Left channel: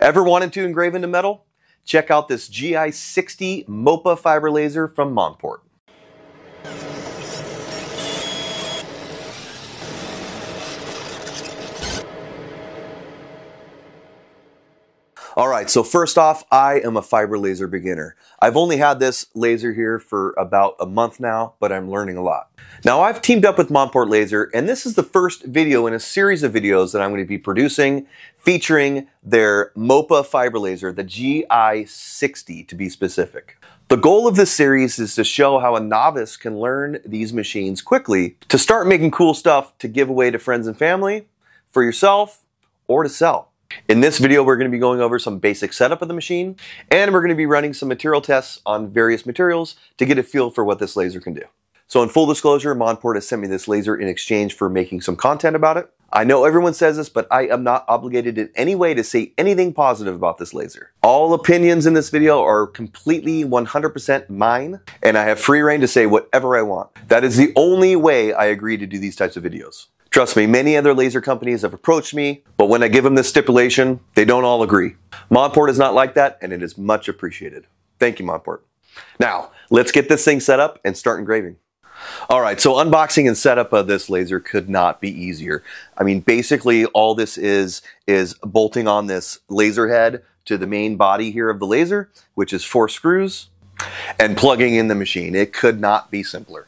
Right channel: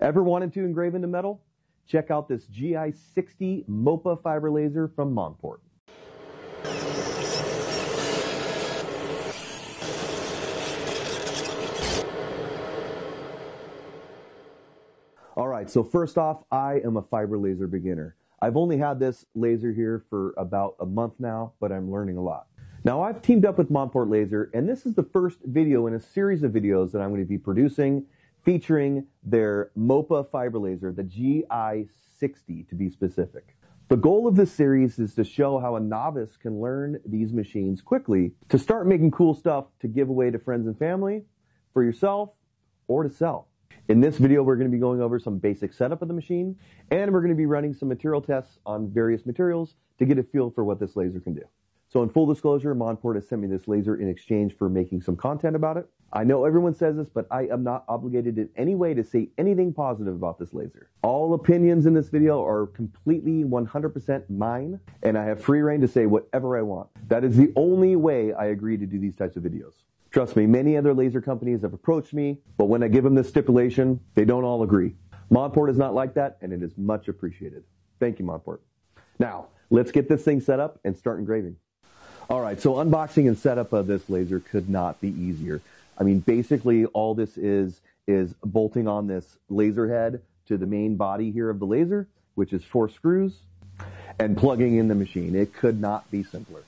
Ever wanted to engrave into metal? Check out this GI60 MOPA fiber laser from Monport. Alright, so first off, I am a fiber laser beginner. I've only had this laser here for about a month now, but I'm learning a lot. Now I've teamed up with Monport Laser, and this is the first video in a series of videos that I'm going to be producing featuring their MOPA fiber laser, the GI60 to be specific. The goal of this series is to show how a novice can learn these machines quickly to start making cool stuff to give away to friends and family, for yourself, or to sell. In this video, we're going to be going over some basic setup of the machine, and we're going to be running some material tests on various materials to get a feel for what this laser can do. So in full disclosure, Monport has sent me this laser in exchange for making some content about it. I know everyone says this, but I am not obligated in any way to say anything positive about this laser. All opinions in this video are completely 100% mine, and I have free reign to say whatever I want. That is the only way I agree to do these types of videos. Trust me, many other laser companies have approached me, but when I give them this stipulation, they don't all agree. Monport is not like that, and it is much appreciated. Thank you, Monport. Now, let's get this thing set up and start engraving. All right, so unboxing and setup of this laser could not be easier. I mean, basically all this is bolting on this laser head to the main body here of the laser, which is 4 screws, and plugging in the machine. It could not be simpler.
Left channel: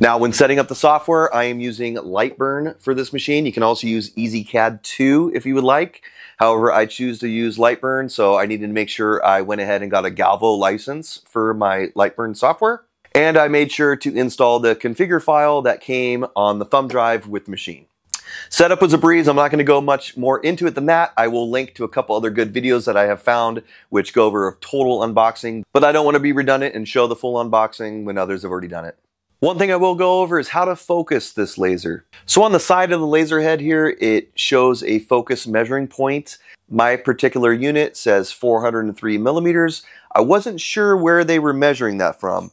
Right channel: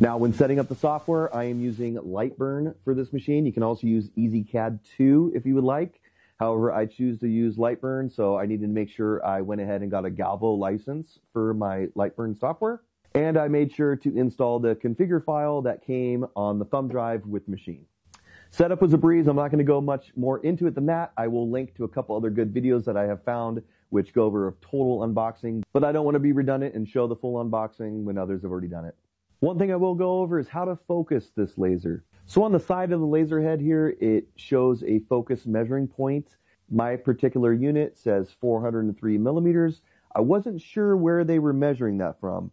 Now, when setting up the software, I am using Lightburn for this machine. You can also use EasyCAD 2 if you would like. However, I choose to use Lightburn, so I needed to make sure I went ahead and got a Galvo license for my Lightburn software. And I made sure to install the configure file that came on the thumb drive with the machine. Setup was a breeze. I'm not going to go much more into it than that. I will link to a couple other good videos that I have found which go over a total unboxing, but I don't want to be redundant and show the full unboxing when others have already done it. One thing I will go over is how to focus this laser. So on the side of the laser head here, it shows a focus measuring point. My particular unit says 403 millimeters. I wasn't sure where they were measuring that from.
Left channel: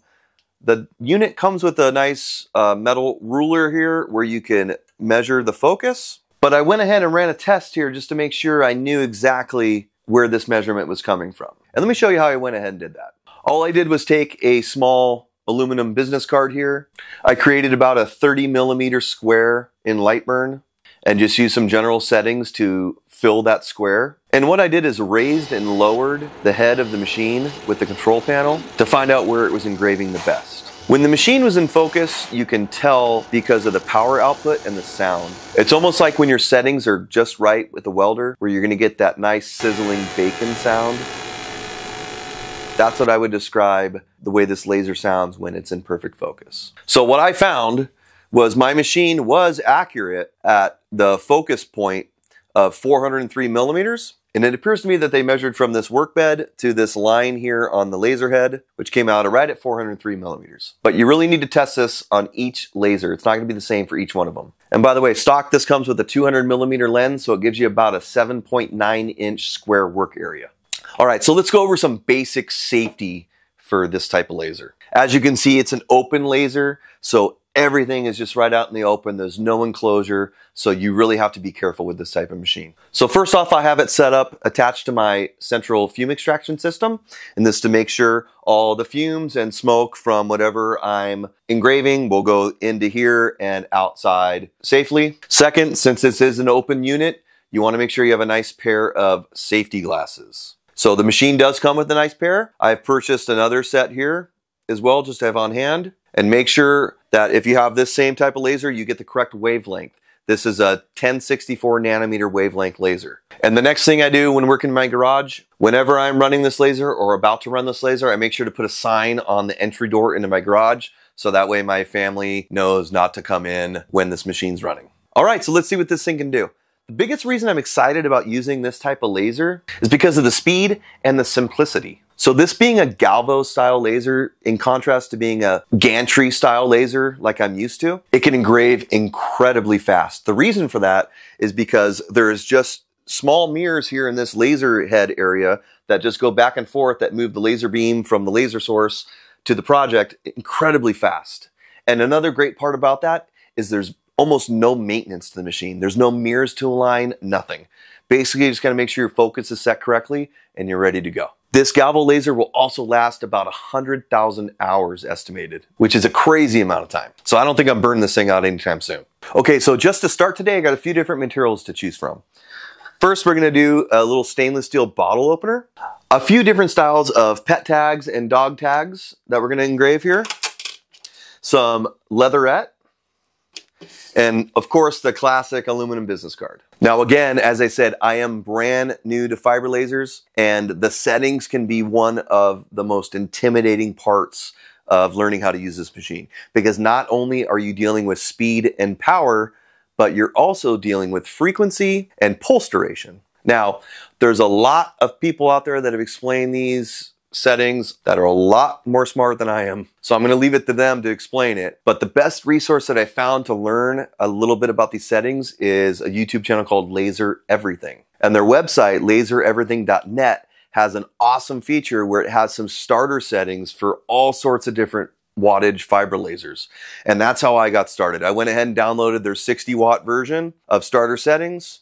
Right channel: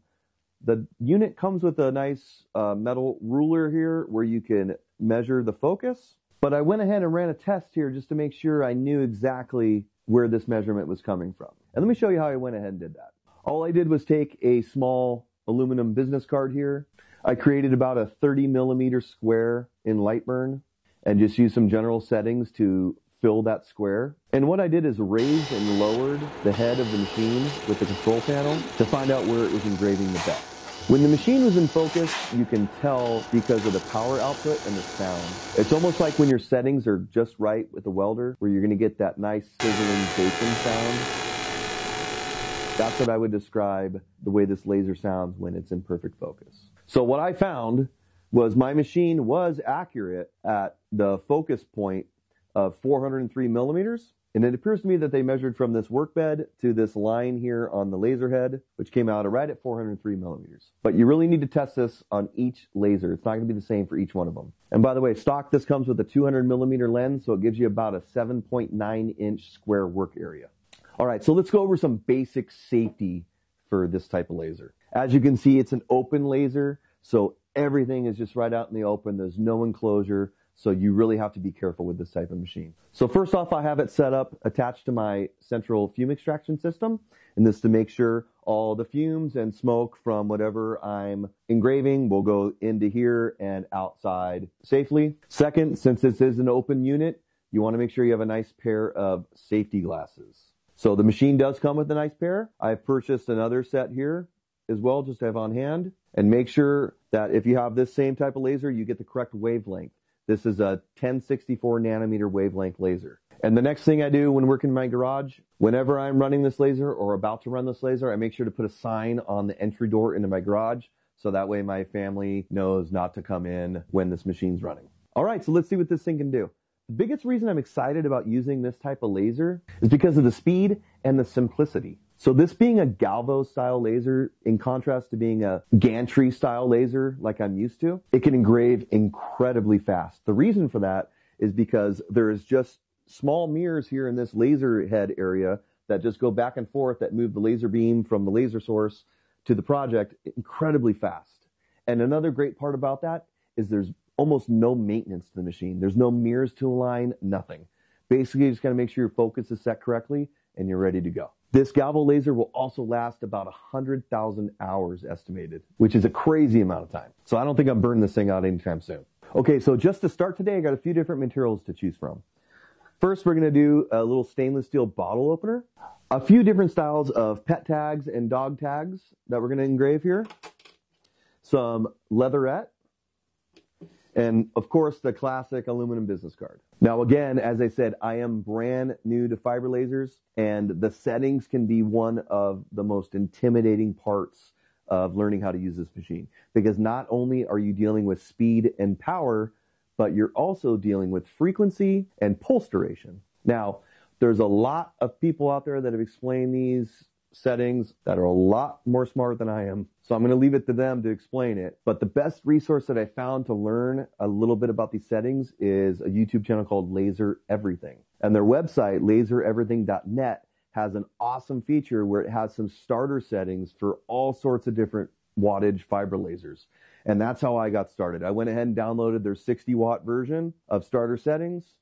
The unit comes with a nice metal ruler here where you can measure the focus, but I went ahead and ran a test here just to make sure I knew exactly where this measurement was coming from. And let me show you how I went ahead and did that. All I did was take a small aluminum business card here. I created about a 30 millimeter square in Lightburn and just used some general settings to fill that square. And what I did is raised and lowered the head of the machine with the control panel to find out where it was engraving the best. When the machine was in focus, you can tell because of the power output and the sound. It's almost like when your settings are just right with the welder, where you're gonna get that nice sizzling bacon sound. That's what I would describe the way this laser sounds when it's in perfect focus. So what I found was my machine was accurate at the focus point of 403 millimeters. And it appears to me that they measured from this workbed to this line here on the laser head, which came out right at 403 millimeters. But you really need to test this on each laser. It's not gonna be the same for each one of them. And by the way, stock, this comes with a 200 millimeter lens, so it gives you about a 7.9 inch square work area. All right, so let's go over some basic safety for this type of laser. As you can see, it's an open laser, so everything is just right out in the open. There's no enclosure, so you really have to be careful with this type of machine. So first off, I have it set up attached to my central fume extraction system, and this to make sure all the fumes and smoke from whatever I'm engraving will go into here and outside safely. Second, since this is an open unit, you want to make sure you have a nice pair of safety glasses. So the machine does come with a nice pair. I've purchased another set here as well, just to have on hand. And make sure that if you have this same type of laser, you get the correct wavelength. This is a 1064 nanometer wavelength laser. And the next thing I do when working in my garage, whenever I'm running this laser or about to run this laser, I make sure to put a sign on the entry door into my garage, so that way my family knows not to come in when this machine's running. All right, so let's see what this thing can do. The biggest reason I'm excited about using this type of laser is because of the speed and the simplicity. So this being a Galvo style laser, in contrast to being a gantry style laser like I'm used to, it can engrave incredibly fast. The reason for that is because there's just small mirrors here in this laser head area that just go back and forth that move the laser beam from the laser source to the project incredibly fast. And another great part about that is there's almost no maintenance to the machine. There's no mirrors to align, nothing. Basically, you just gotta make sure your focus is set correctly and you're ready to go. This Galvo laser will also last about 100,000 hours estimated, which is a crazy amount of time. So I don't think I'm burning this thing out anytime soon. Okay, so just to start today, I got a few different materials to choose from. First, we're gonna do a little stainless steel bottle opener, a few different styles of pet tags and dog tags that we're gonna engrave here, some leatherette, and of course the classic aluminum business card. Now again, as I said, I am brand new to fiber lasers, and the settings can be one of the most intimidating parts of learning how to use this machine, because not only are you dealing with speed and power, but you're also dealing with frequency and pulse duration. Now, there's a lot of people out there that have explained these settings that are a lot more smart than I am. So I'm gonna leave it to them to explain it. But the best resource that I found to learn a little bit about these settings is a YouTube channel called Laser Everything. And their website, lasereverything.net, has an awesome feature where it has some starter settings for all sorts of different wattage fiber lasers. And that's how I got started. I went ahead and downloaded their 60 watt version of starter settings,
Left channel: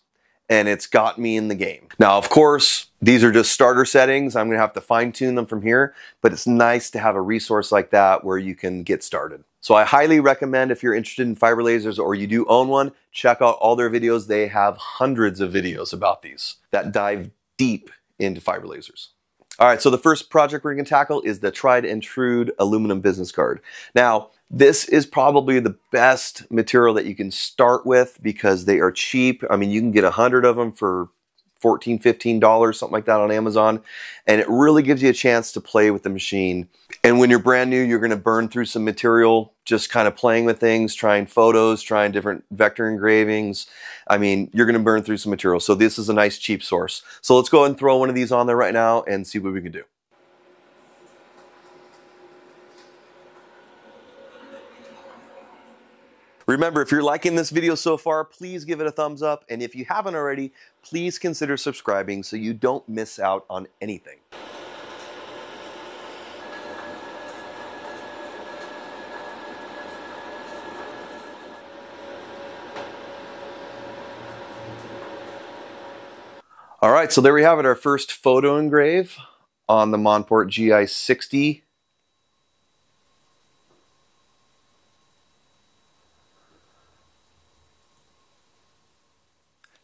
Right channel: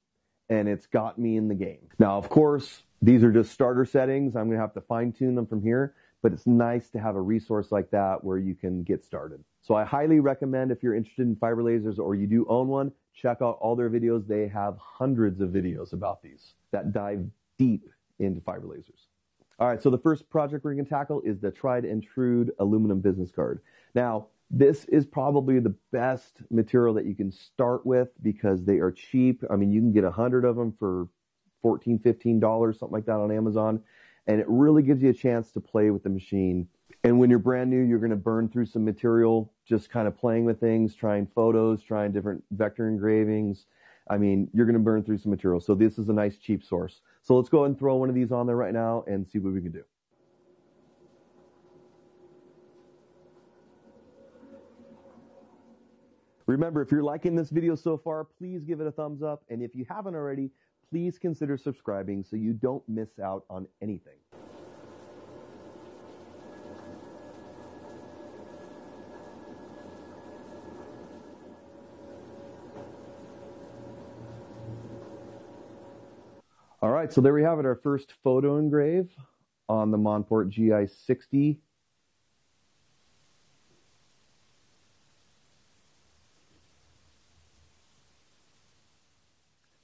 and it's got me in the game. Now, of course, these are just starter settings. I'm gonna have to fine tune them from here, but it's nice to have a resource like that where you can get started. So I highly recommend, if you're interested in fiber lasers or you do own one, check out all their videos. They have hundreds of videos about these that dive deep into fiber lasers. All right, so the first project we're gonna tackle is the tried and true aluminum business card. Now, this is probably the best material that you can start with because they are cheap. I mean, you can get 100 of them for $14, $15, something like that on Amazon. And it really gives you a chance to play with the machine. And when you're brand new, you're gonna burn through some material, just kind of playing with things, trying photos, trying different vector engravings. I mean, you're gonna burn through some material. So this is a nice cheap source. So let's go ahead and throw one of these on there right now and see what we can do. Remember, if you're liking this video so far, please give it a thumbs up. And if you haven't already, please consider subscribing so you don't miss out on anything. All right, so there we have it, our first photo engrave on the Monport GI60.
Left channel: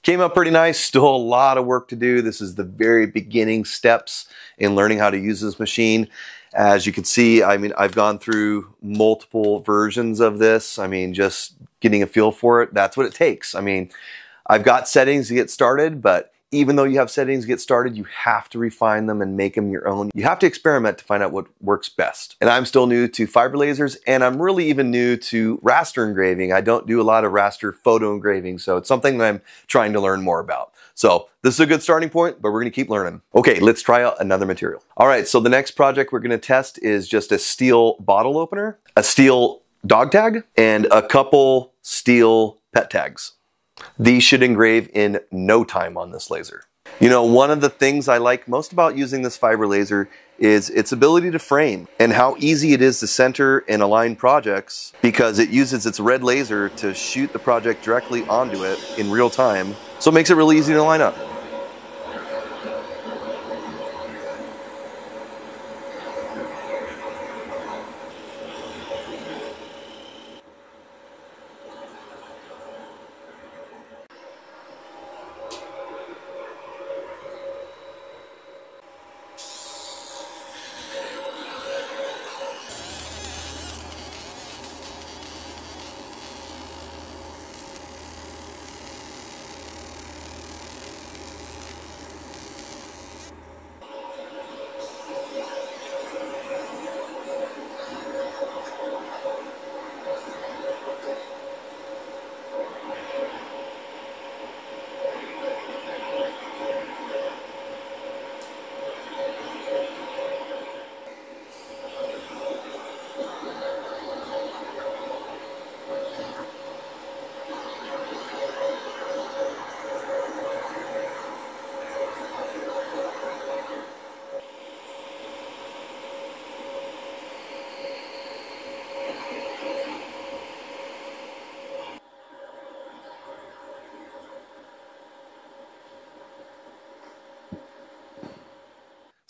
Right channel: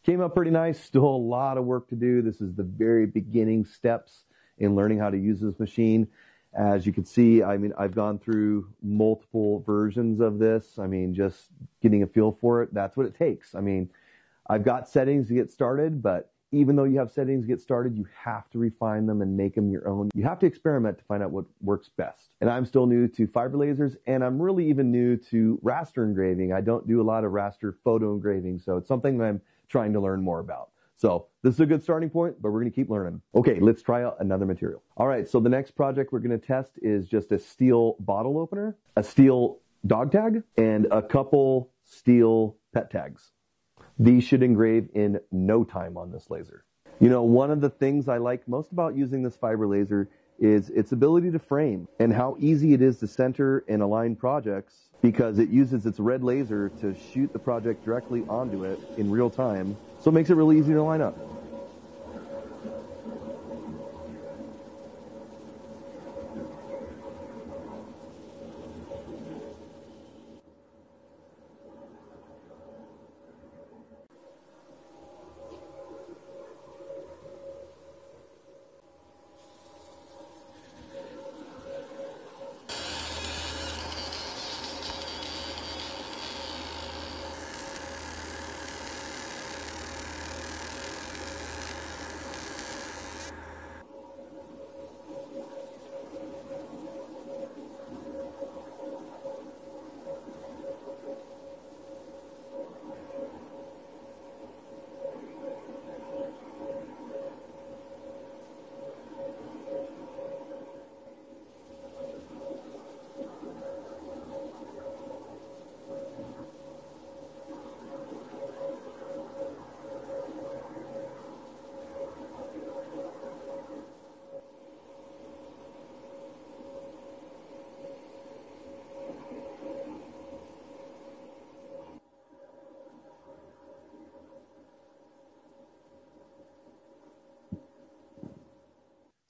Came up pretty nice, still a lot of work to do. This is the very beginning steps in learning how to use this machine. As you can see, I mean, I've gone through multiple versions of this. I mean, just getting a feel for it, that's what it takes. I mean, I've got settings to get started, but even though you have settings to get started, you have to refine them and make them your own. You have to experiment to find out what works best. And I'm still new to fiber lasers, and I'm really even new to raster engraving. I don't do a lot of raster photo engraving, so it's something that I'm trying to learn more about. So this is a good starting point, but we're gonna keep learning. Okay, let's try out another material. All right, so the next project we're gonna test is just a steel bottle opener, a steel dog tag, and a couple steel pet tags. These should engrave in no time on this laser. You know, one of the things I like most about using this fiber laser is its ability to frame and how easy it is to center and align projects because it uses its red laser to shoot the project directly onto it in real time. So it makes it really easy to line up.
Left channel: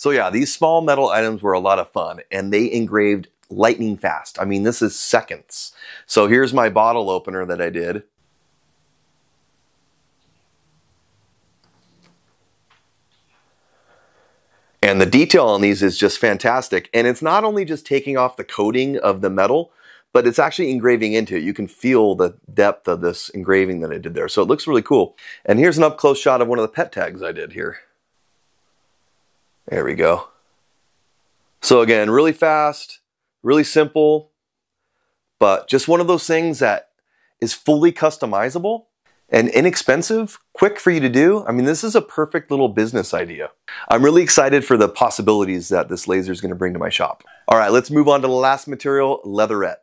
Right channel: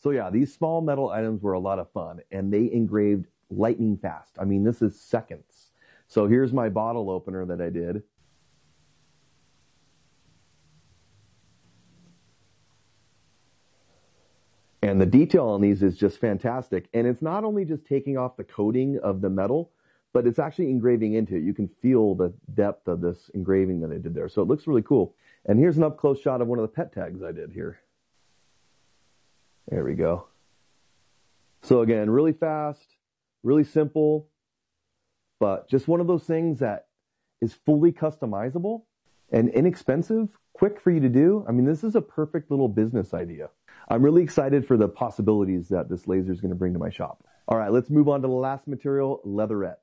So yeah, these small metal items were a lot of fun, and they engraved lightning fast. I mean, this is seconds. So here's my bottle opener that I did. And the detail on these is just fantastic. And it's not only just taking off the coating of the metal, but it's actually engraving into it. You can feel the depth of this engraving that I did there. So it looks really cool. And here's an up close shot of one of the pet tags I did here. There we go. So again, really fast, really simple, but just one of those things that is fully customizable and inexpensive, quick for you to do. I mean, this is a perfect little business idea. I'm really excited for the possibilities that this laser is going to bring to my shop. All right, let's move on to the last material, leatherette.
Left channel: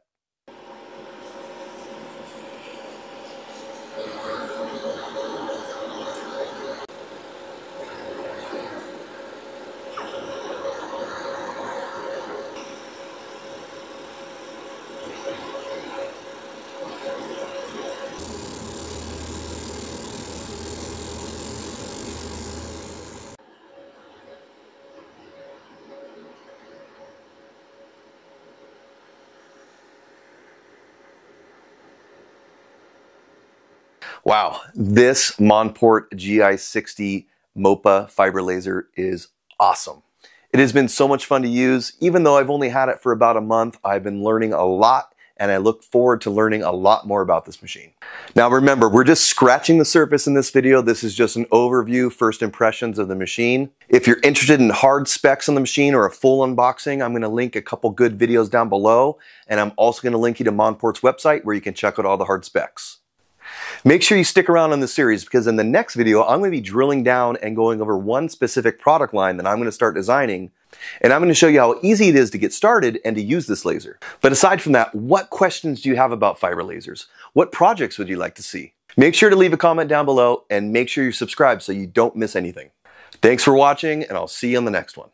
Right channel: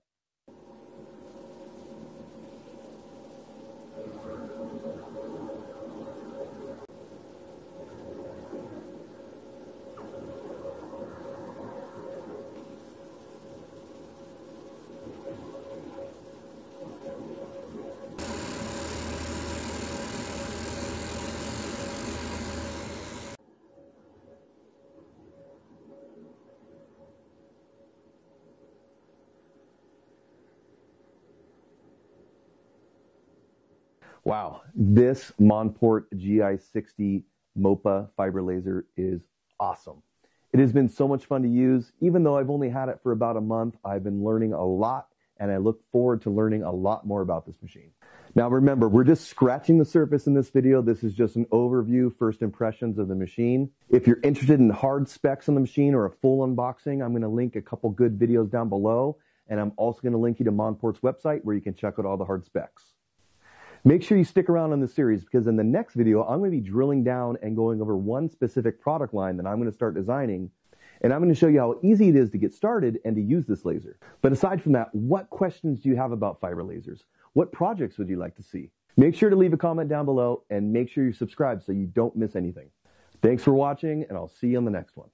Wow, this Monport GI60 MOPA fiber laser is awesome. It has been so much fun to use. Even though I've only had it for about a month, I've been learning a lot, and I look forward to learning a lot more about this machine. Now remember, we're just scratching the surface in this video. This is just an overview, first impressions of the machine. If you're interested in hard specs on the machine or a full unboxing, I'm gonna link a couple good videos down below, and I'm also gonna link you to Monport's website where you can check out all the hard specs. Make sure you stick around on this series, because in the next video, I'm going to be drilling down and going over one specific product line that I'm going to start designing, and I'm going to show you how easy it is to get started and to use this laser. But aside from that, what questions do you have about fiber lasers? What projects would you like to see? Make sure to leave a comment down below, and make sure you're subscribed so you don't miss anything. Thanks for watching, and I'll see you on the next one.